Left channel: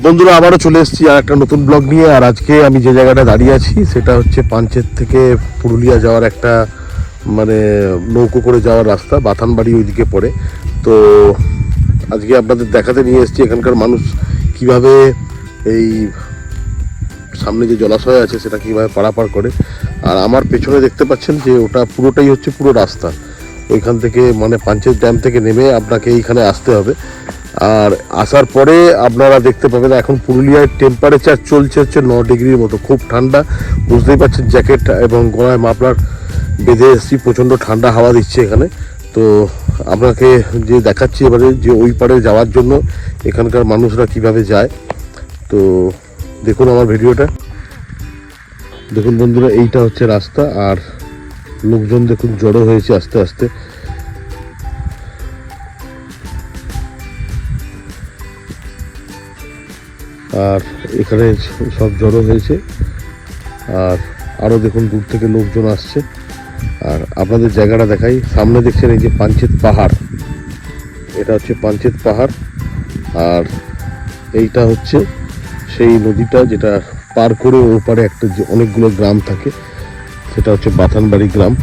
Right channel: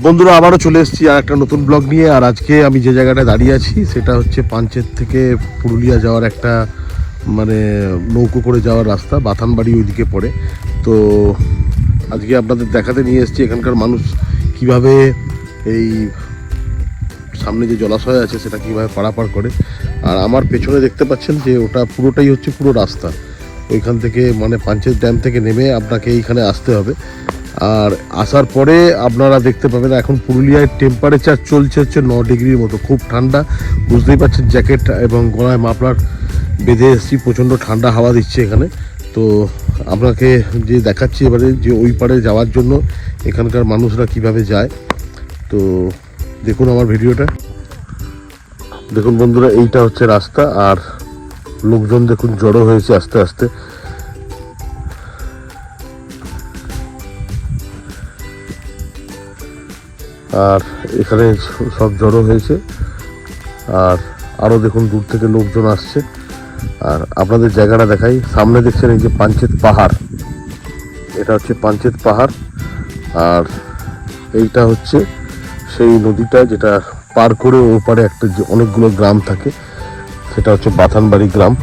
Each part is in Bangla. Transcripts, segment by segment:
বন্ধুরা, আবারও চলে এসেছি আর একটা নতুন ব্লগ নিয়ে। আর আজকে আমি যে জায়গাটা দাঁড়িয়ে আছি, সেটা হচ্ছে পাঞ্চেত থেকে পুরুলিয়া যাওয়ার একটা মানে নৌকো করে যাওয়ার রাস্তা, বাথানবাড়ি ওইদিকে পড়ে। তো আজকে আপনাদের দেখাতে নিয়ে এসেছি এখানকার মানুষ কীভাবে এই সামনে যে জলাশয় আছে, সেটা কীভাবে পারাপার করে। আর আমার পেছনে দেখতে পাচ্ছেন যে ওটা পুরোটাই হচ্ছে পুরো রাস্তা। ওইখান থেকে মানে পাঞ্চেত ড্যাম থেকে নেমে আপনাকে এইখানে আসতে হবে। আর আসার পরে আপনারা দেখতে পাবেন এখন পুরুলিয়ায় টেম্পারেচার চলছে হচ্ছে ন ডিগ্রির মতো, খুব ঠান্ডা। বুঝতেই পারছেন জ্যাকেট এবং গলায় মাফলার বেঁধে এসেছি, প্রচণ্ড ঠান্ডা হাওয়া দিচ্ছে এখানে। তো আপনাকে যে দেখাচ্ছি এবারে যে ওই পারে যাওয়ার জন্য এখানকার মানুষরা কীভাবে যায়, তো দেখুন আমার ভিডিওটা। দেখুন বন্ধুরা, এইটা হচ্ছে রাস্তা, আর লোকজন দেখুন জড়ো হয়েছে আস্তে আস্তে। আর এখানে সব জড়ো হয়েছে। আর আরও দেখুন, দূর থেকে লোকজন আসছে। আর আপনাদের জায়গাটা দেখাই। সামনে দেখছেন এই যে পাঞ্চেত পাহাড়। এটা হচ্ছে পাঞ্চেত পাহাড়। আর এইটা হচ্ছে সেই নদীটা যেটা পার করে ওর একটা যে অনেকগুলো গ্রাম থাকে। সেটা হচ্ছে বাথানবাড়ি গ্রাম।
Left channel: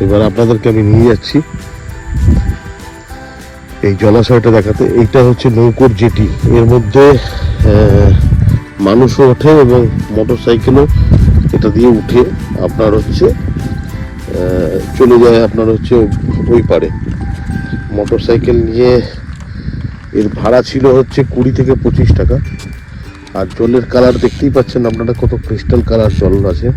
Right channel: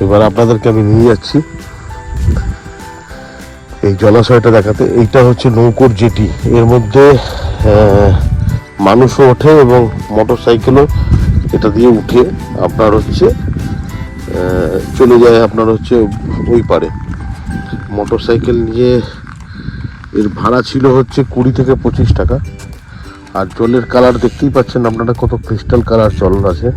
এবার আপনাদেরকে আমি নিয়ে যাচ্ছি। এই জলাশয়টা দেখাতে। এইটা হচ্ছে নৌকোর জেটি। এর মধ্যে মানুষও ওঠে এবং মোটর সাইকেলও এটা দিয়ে উঠে আপনার হচ্ছে চলে যায় আপনার হচ্ছে ওই পারে। মোটর সাইকেল নিয়ে এর ভাড়া ছিল হচ্ছে কুড়ি থেকে পঁচিশ টাকা। আর জলের কালার দেখতেই পাচ্ছেন আপনারা কত ক্রিস্টাল কালার জল আছে।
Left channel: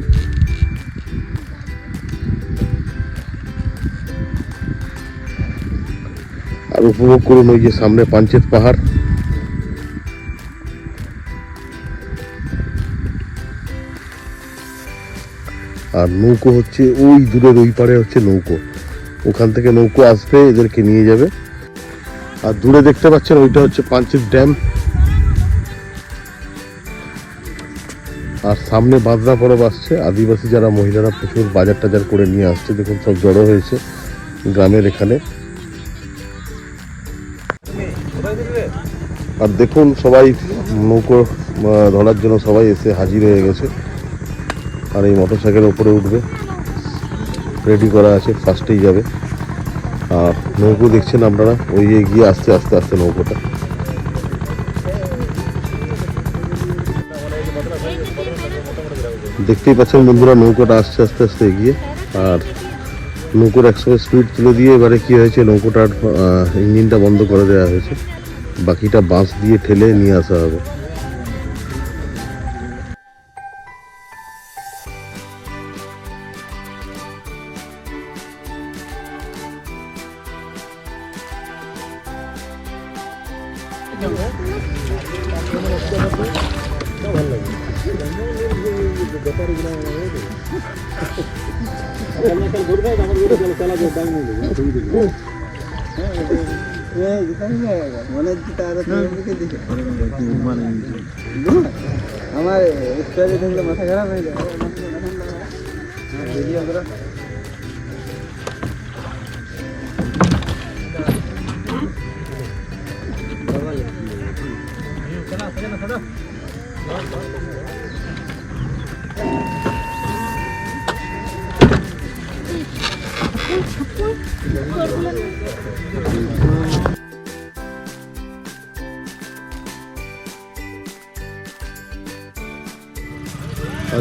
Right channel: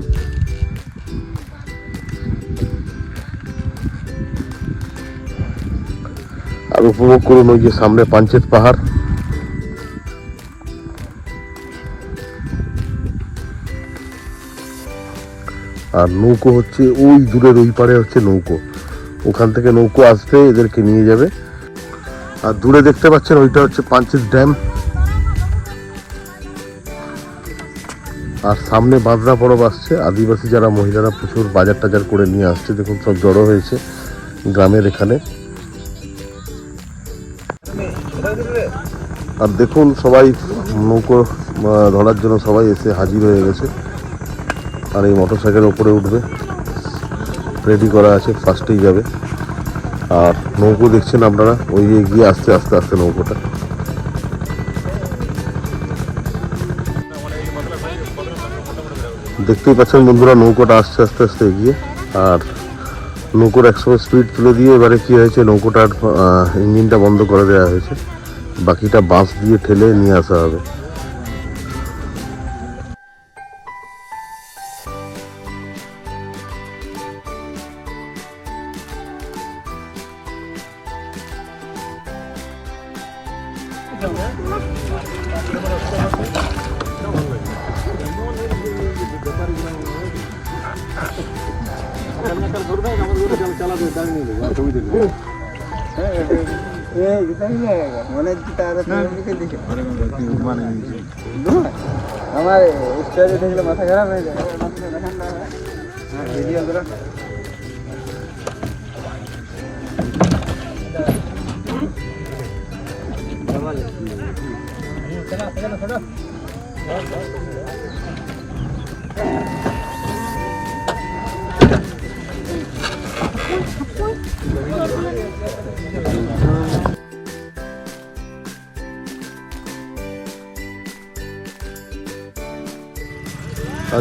আর উপভোগ করুন ওই যে সামনে পাঞ্চেত পাহাড়। আর নৌকো হচ্ছে ওই দূরের ওই পারে হচ্ছে নৌকো। ওখান থেকে নৌকো আসবে এদেরকে নিয়ে যাবে। আর দূরে দেখতে পাচ্ছেন ওইটা হচ্ছে পাঞ্চেত ড্যাম। আর সামনে বাঁধরা পরব আসছে। আদিবাসী যারা, মহিলারা প্রচুর বাজার টাজার করে নিয়ে আসছে। দেখুন সব জড়ো হয়েছে গ্রামের এখানে। আর দেখুন সবাই নৌকো ধরার জন্য সবাই এসে হাজির হয়ে গেছে। আর এই মোটর সাইকেলের উপরে উঠবে। রেডি করা আছে ফার্স্টেই যাবে। আর নৌকো দেখছেন আপনারা? ওই এগিয়ে আসতে আস্তে আস্তে নৌকোটা। দেখতেই পাচ্ছেন বন্ধুরা, নৌকোটা আসছে আস্তে আস্তে এগিয়ে। আর নৌকোর একসময় স্পিড তুলে দিয়ে এবারে কি হয়েছে, নৌকোটার ইঞ্জিনটা বন্ধ করে দেওয়া হয়েছে। বাকিটা বাঁশ দিয়ে ঠেলে নিয়ে আসা হবে। আমার স্টোরি দেখলে মাথা খারাপ হয়ে ভিডিও আর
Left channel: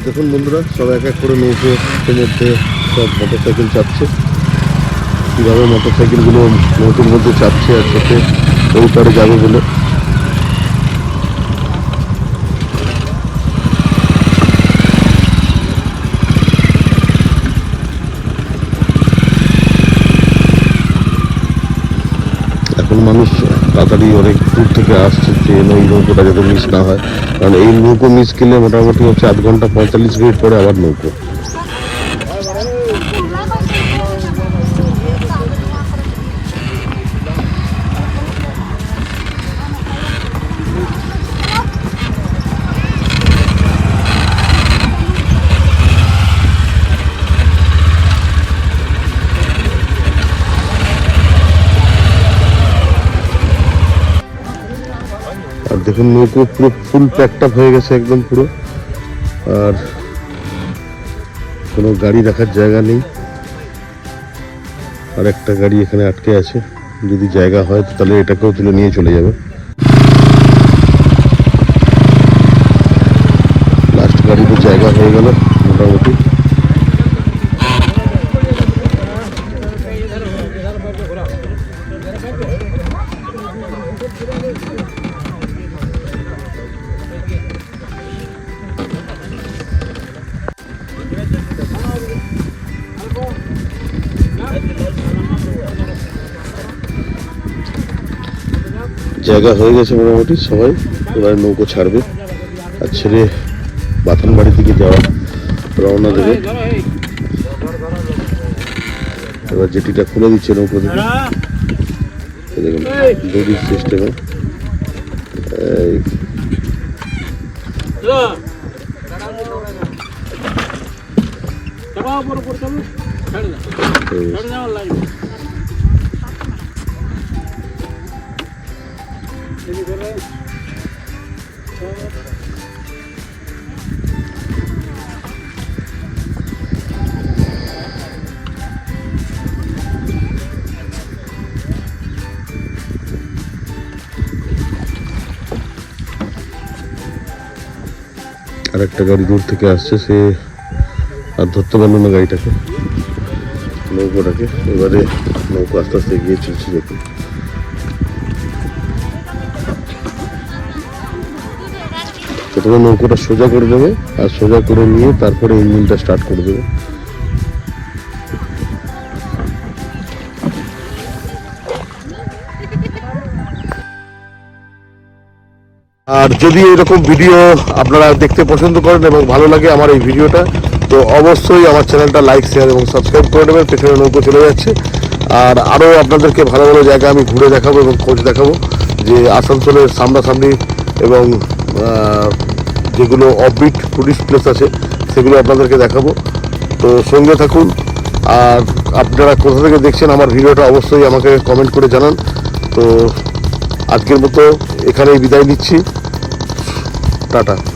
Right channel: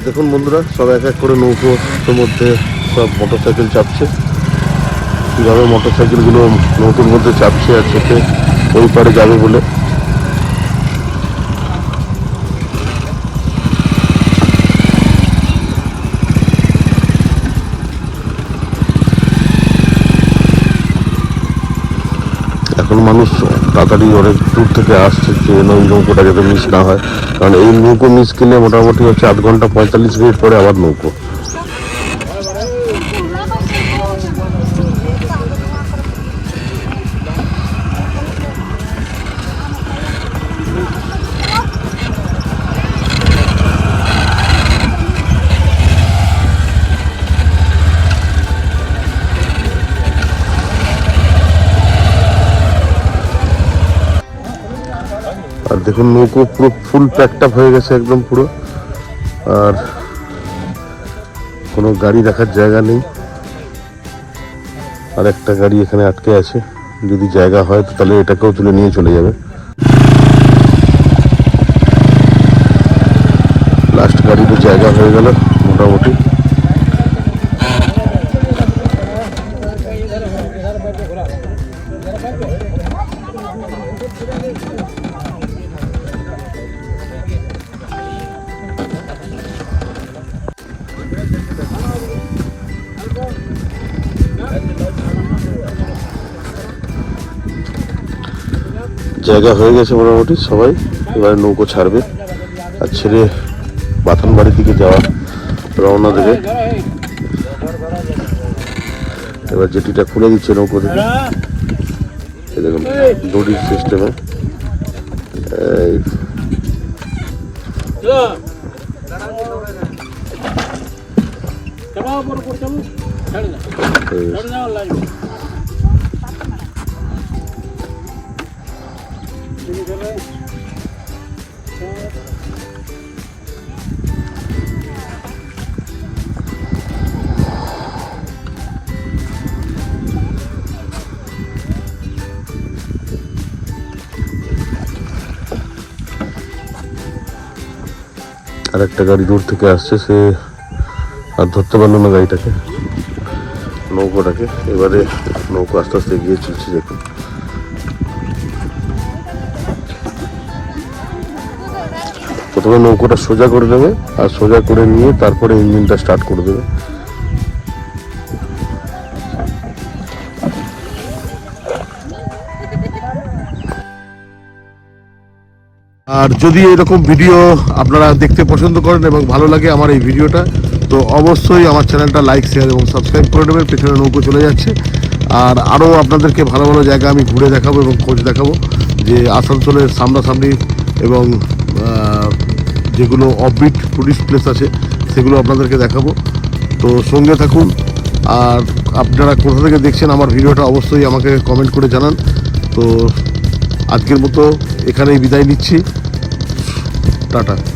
দেখুন বন্ধুরা, সব এক এক করে নৌকো মধ্যে সব মোটর সাইকেল চাপছে। কীভাবে মোটর সাইকেলগুলো নৌকোর মধ্যে চাপছে আর চেপে ওই পারে যাবে বলে এখন মানুষ তাড়াতাড়ি অনেক দূর থেকে আসছে ট্রেন ওই নৌকোটা যাতে মিস না হয়। কারণ এই নৌকো মিস গেলে মোটামুটি হচ্ছে আধ ঘণ্টা পঁয়তাল্লিশ মিনিট পরে আবার নৌকো। আর দেখুন নৌকো পুরো ফুল প্যাকড আপ হয়ে গেছে একদম পুরো। আর কোনো গাড়ি রাখার জায়গা নেই। আর একটা গাড়ি এখানে আটকে আছে। যদি জায়গা হয় তাহলে এটাকেও তুলে নিয়ে চলে যাবে। লাস্ট গাড়িতে জায়গা হয়ে গেল, মোটামুটি। জায়গা হয়ে গেছে মোটামুটি সবাই এবারে নৌকো ছাড়বে। আর ছেড়ে বাথান বাড়ির দিকে যাওয়া রওনা দেবে। এবার জেটিটা খুলে দিচ্ছে নৌকো থেকে। দেখুন দড়ির সিস্টেমে এই। আর একটা গাড়ি দূর থেকে আসছে, সে আর ধরতে পারল না গাড়িটাকে। নৌকোটাকে। এবারে নৌকো আস্তে আস্তে গিয়ে চলছে, দেখুন। প্রথমে নৌকোটা সোজা করে দেবে, আর সোজা করে নিয়ে তারপরে ইঞ্জিনটা স্টার্ট করে দেবে। আর যদি এরকম ভিডিও আপনারা দেখতে পছন্দ করেন এবং ভালো লাগে আমার এই ভিডিওটা, তো অবশ্যই আমার চ্যানেলটা লাইক শেয়ার এবং সাবস্ক্রাইব করে নেবেন, পেছনে নৌকো চলে যাচ্ছে। আর আরও আপনাদেরকে ভালো ভালো জায়গা আমি ঘুরে দেখাবো এবং খোঁজ দেখাবো, যে আসানসোলের সামনাসামনি এবং যেগুলো অফবিট টুরিস্ট প্লেস আছে, সেগুলো আপনাদেরকে দেখাবো। তো সঙ্গে থাকুন, আর আপনারা কোথা থেকে দেখছেন আমার ভিডিওটা অবশ্যই আমাকে কমেন্ট করে জানান। তো আজকের মতো এখানেই বিদায় নিচ্ছি। டாட்டா.